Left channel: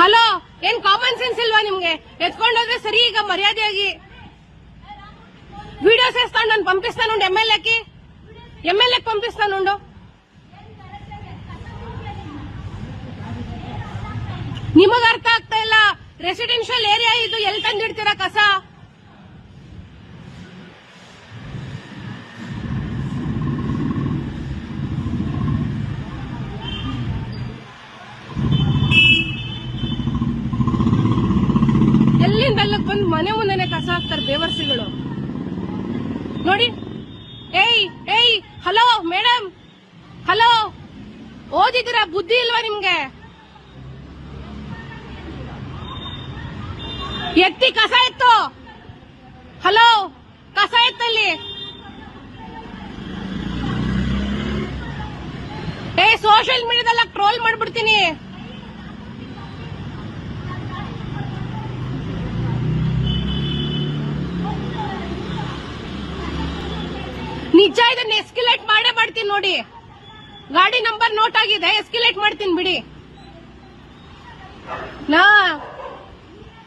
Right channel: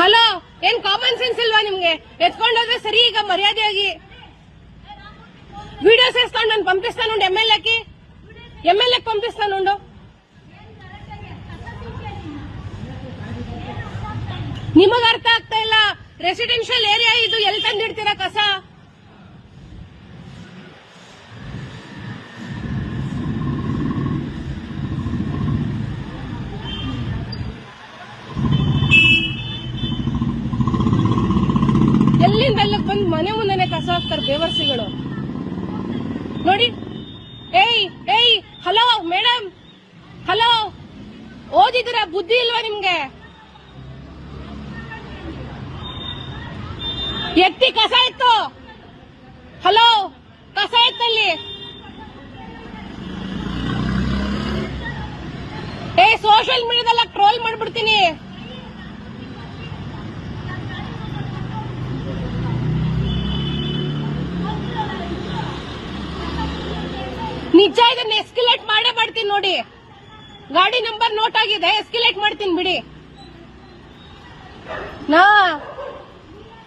Hello, ಏನ್ common sense ಇಲ್ವಾ ನಿಮ್ಗೆ? ಎತ್ಕೊಂಡೋದ್ರೆ ಸರಿ. ಈಗ ಮರ್ಯಾದೆಯಾಗಿ ವಿಡಿಯೋಸ್ ಎಸ್ಕೊಂಡು ನಾನು ಪಂಪಿಸ್ತಾನುಂಡು. ಎಮ್ಎಲ್ಎ ಪಂಪಿಸ್ತಾನುಂಡು. ನಿಮಗ ಅರ್ಥ ಆಗ್ತಾ ಇಲ್ಲ. ರೆಸಿಡೆನ್ಷಿಯಲ್ ಏರಿಯಾ ಇದು, ಎಲ್ಲಿ ತಂದಿಡ್ತೀರಾ ಕಸ? ಎಲ್ಲಿಂದ ಅಲ್ಲಿಗೆ ಬಂದು ಮನೆ ಮುಂದೆನೆ ಕಸ ಹಾಕ್ತಾರೆ ಬೇವರ್ಸಿಗಳು ನೋಡಿ. ಏಯ್ ಹಲೋ ಮೇಡಮ್, ಹಲೋ, ಓದಿದ್ದೀರಾ? ಬುದ್ಧಿ ಇಲ್ವಾ ನಿಮ್ಗೆ? ಎತ್ತಿ ಕಸ ಎತ್ತು. ಹಲೋ, ಕಸ ಎತ್ತಲ್ಲಿ. ಸೋಷಿಯಲ್ ಮೀಡಿಯಾದಲ್ಲ ಟ್ರೋಲ್ ಮಾಡ್ಬಿಡ್ತೀನಿ. ನಿಜ, ಇದನ್ನ ಎಸ್ಕಿಲೇಟ್ ಮಾಡೇ ಮಾಡ್ತೀನಿ ನೋಡಿ. ಗಾಡಿ ನಂಬರ್ ನೋಟ್ ಆಗಿದೆ, ಎಸ್ಕಿಲೇಟ್ ಮಾಡ್ತೀನಿ ಬಿಡಿ.